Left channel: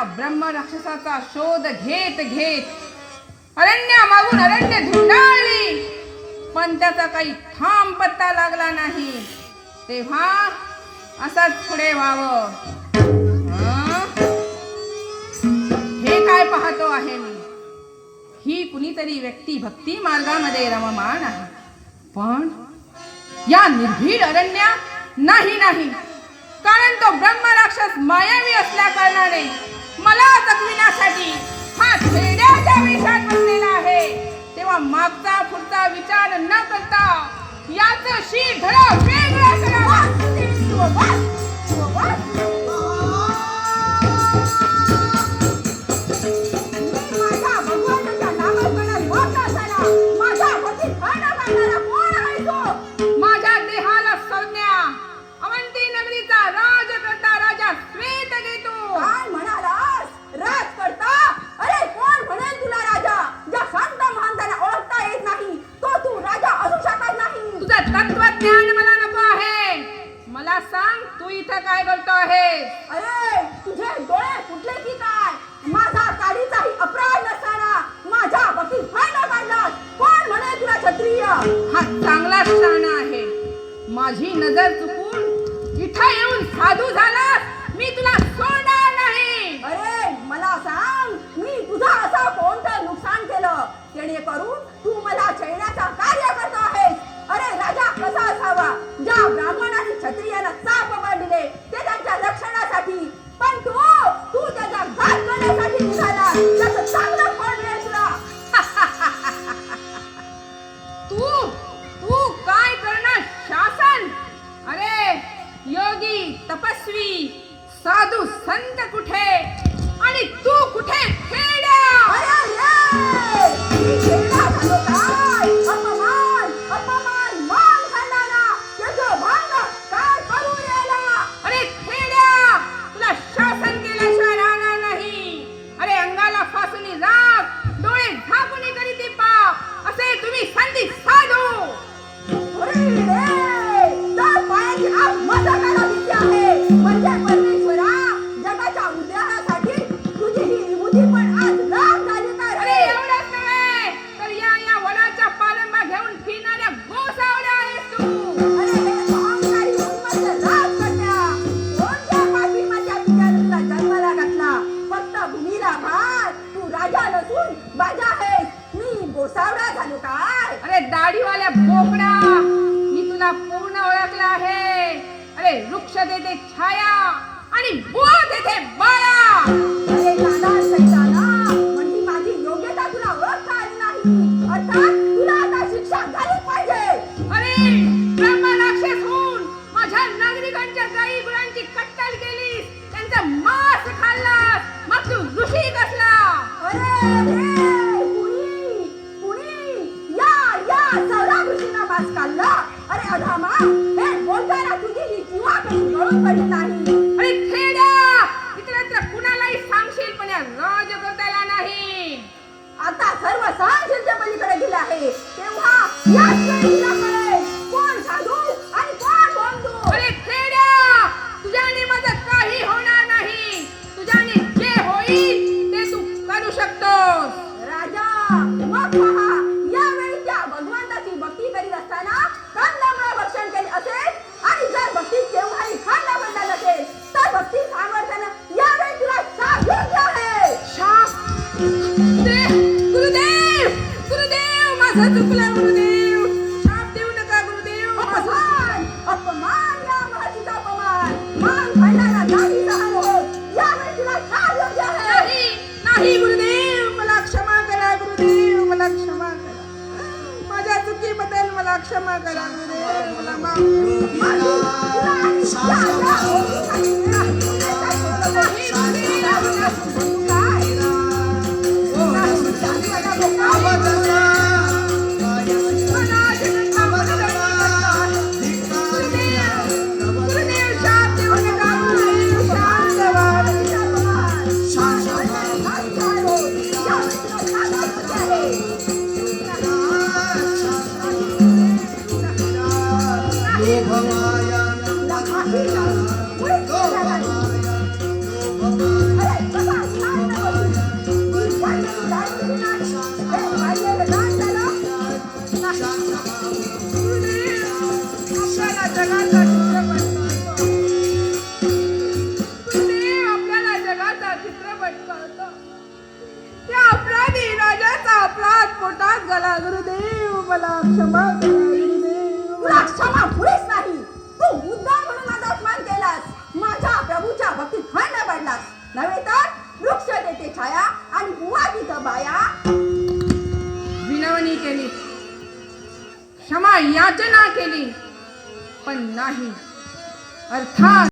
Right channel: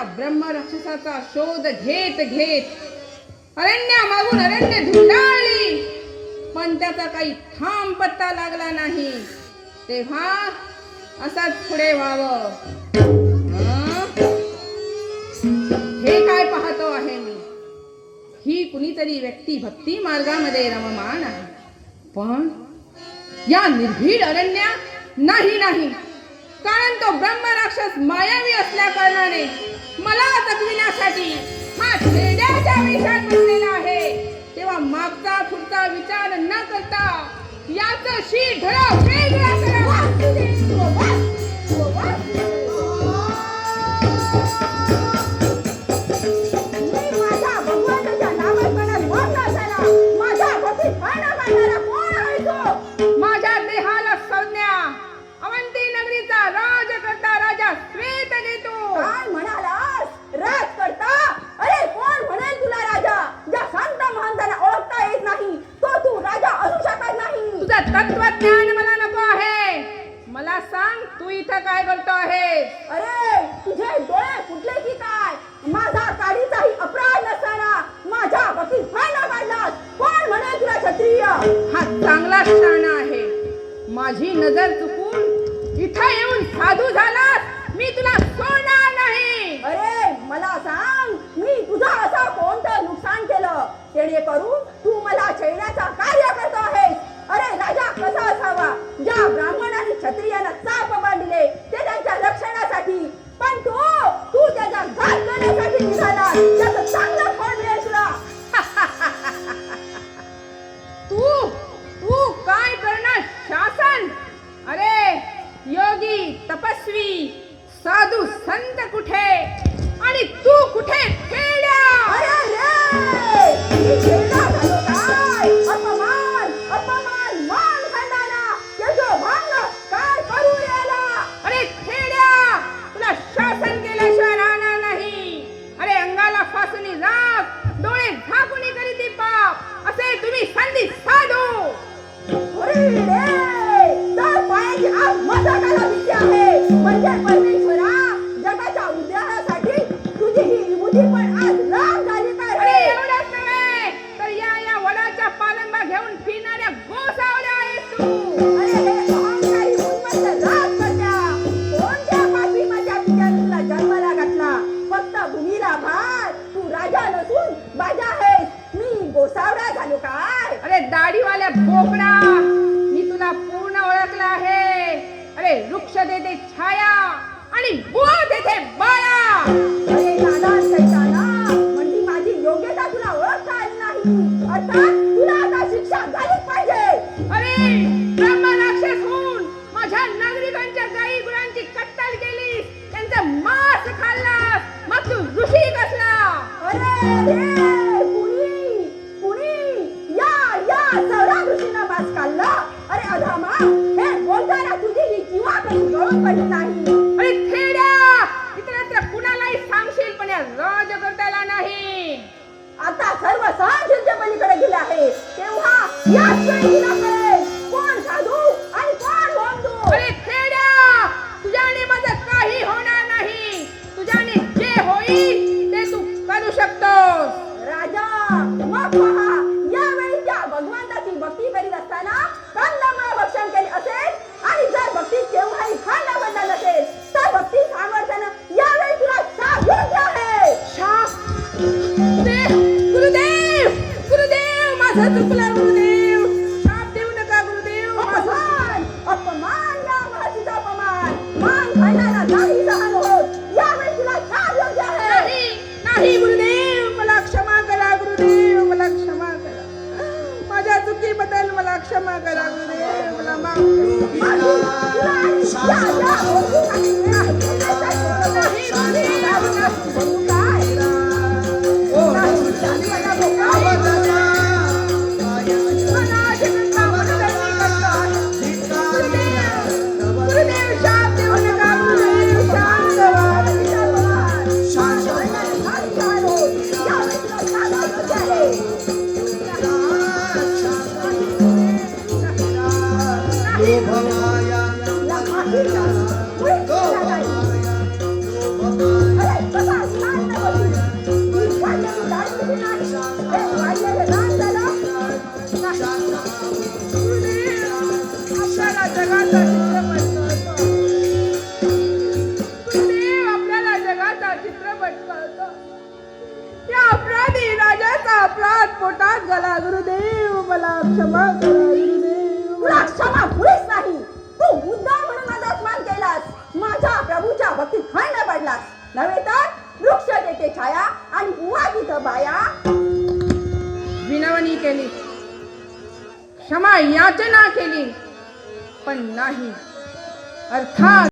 त्या ब्रह्म राक्षसाचा शोध घेत घेत अरण्यामागून अरण्य धुंडाळली, पण त्याचा काही थांब पत्ता लागला नाही. तेव्हा असंच पुढे व्हावं. हे काय पाहतो आहे मी? ही कुणीतरी व्यक्ती भक्ती मार्गामध्ये रममाण आहे, पण या निर्भीड अरण्यात नाही नाही, कारण तो ब्रह्म राक्षस मायावी असल्या कारणाने मला जगविण्यासाठी हा खेड्याच्या वेशात बसलेला आहे. तेव्हा मागचा पुढचा विचार न करता याचं शी धडा वेगळा करावा. माझ्या देहाला संज्ञा अवंती नगरीचा राज करता राजा श्वेत घेतो. काय म्हणालास? राज करता? अरे कोण म्हणेल तुला राजा? ज्या शांत माणसाला ओळखता येत नाही तो तू राजा असू शकत नाही. तुझं तत्वज्ञान मला नको आहे. मला सांग, तू इथं काय करतो आहे? अरे तुझे डोळे फुटले की काय? माझा काडीचाही अपराध नसताना माझ्या वकील फायदा काढलास. कोण म्हणेल तुला क्षत्रिय? हा चांगला शहाणा आहे. माझी नजर चुकून इथं येऊन साधू झालास, मी तुला सोडणार नाही. अरे मला सांग, मी तुझा असा कोणतं नुकसान केलं जेणेकरून तू मला छळण्याचा कार्य करतो आहेस? अरे राजा कसा असावा? ज्या ब्राह्मण आणि क्षत्रियांना साप बांधले ते त्यांच्या रक्षणासाठी, पण तू त्याचा घात करण्यासाठी निघाला. त्याचं चांगलं फळ मिळेल तुला. तू काय करणार शासन? अरे योगी तपस्वी साधू संत कुठे आणि तू कुठे खेड्या? अरे मी खेळला झालो काय? अपमान मान खाणारा त्याचं भांडण काय करू राहिला? अरे खेड्या, तुला शासन केल्याशिवाय राहणार नाही. अरे अंगाला फासुनी राख, डोळे झाकून करीती पाप, असे तुम्ही संधी साधू. अरे रे, तर पायाची आग माझा मला दिसते आहे. म्हणजे परमेश्वरा, जगाच्या उद्धारासाठी तुझी ही विभूती पण आज राग झाली काय अरे रे? एवढंच नव्हे, तर या वडाच्या पालंबा घेऊन फिरणाऱ्या गोसावळ्या आहेस तू. अरे अहंकारी उन्मत्त राग करता. कोणत्या पापी माझ्या पित्याने तुला जन्माला घातला? फक्त भूमीला भार. तू राजा नसून बाजा आहेस. मी गोसावळा झालो काय? अरे दाढीवाल्या बोकडा, मी तुला पूर्ण ओळखलं आहे. अरे वृक्ष देते छाया आणि बुवा देते बाळा. अरे नादान सैताना, म्हणजे माझी योग्यता तुला ओळखता आली नाही. अर्थात तुला आता शिक्षा झालीच पाहिजे. अरे ब्रह्म राक्षस होऊन माझ्या नागरिकांच्या गायी गुरांची कत्तल केलीस, त्यांचा मांस खाल्लास, मग तू ऋषी कसला? अरे या सौरा ऋषीनं मास खाल्ला. अरे अधमा, हे बोलताना तुझी ही जीवा कशी गळून पडली नाही? अरे खेड्या, इतरत्र कुणालाही सांगशील, पण या राज करताला नाही. आता सर्व सहनशीलच्या पलीकडे गेले आहे. तेव्हा याच वेळी तुला कळेल कोण साधू आणि कोण बंधू. अरे खेड्या, तुझ्याने माझं काही होणार नाही. तुझ्याने जे होईल ते तू करू शकतोस. राजा, मग पहा, यावेळी त्या भगवंताची भक्ती करीत असताना कंदमुळे भक्षण केले असेल आणि जर भक्ती केव्हाही खंड पडला नसेल तर भक्ती सामर्थ्यानं यावेळी तुला साथ योग्य आहे. शाप. गुरुदेव, माझं चुकलं गुरुदेव. शाप देऊ नका गुरुदेव. अपमान या भाजीचा अपमान. मान खाण्याला नाही सहन होत. यावेळी तुला साथ योग्य आहे. नाही गुरुदेव, मला क्षमा करा गुरुदेव, मला क्षमा करा. माझ्या चुकीबद्दल मला क्षमा करा गुरुदेव, मला माफ Hey, come on. लागला गुरुदेव, मला क्षमा करा गुरुदेव. तुला क्षमा पुरेच नाही, तू मुद्दाम म्हणून माझा अपमान केलास, माझ्या प्रभूच्या भक्तीत खंड पडलास. नव्हे तर वृक्ष देते छाया आणि बुवा तिथं बाया. विनवणी केली, क्षमा याचना केली, पण नाही. अर्थात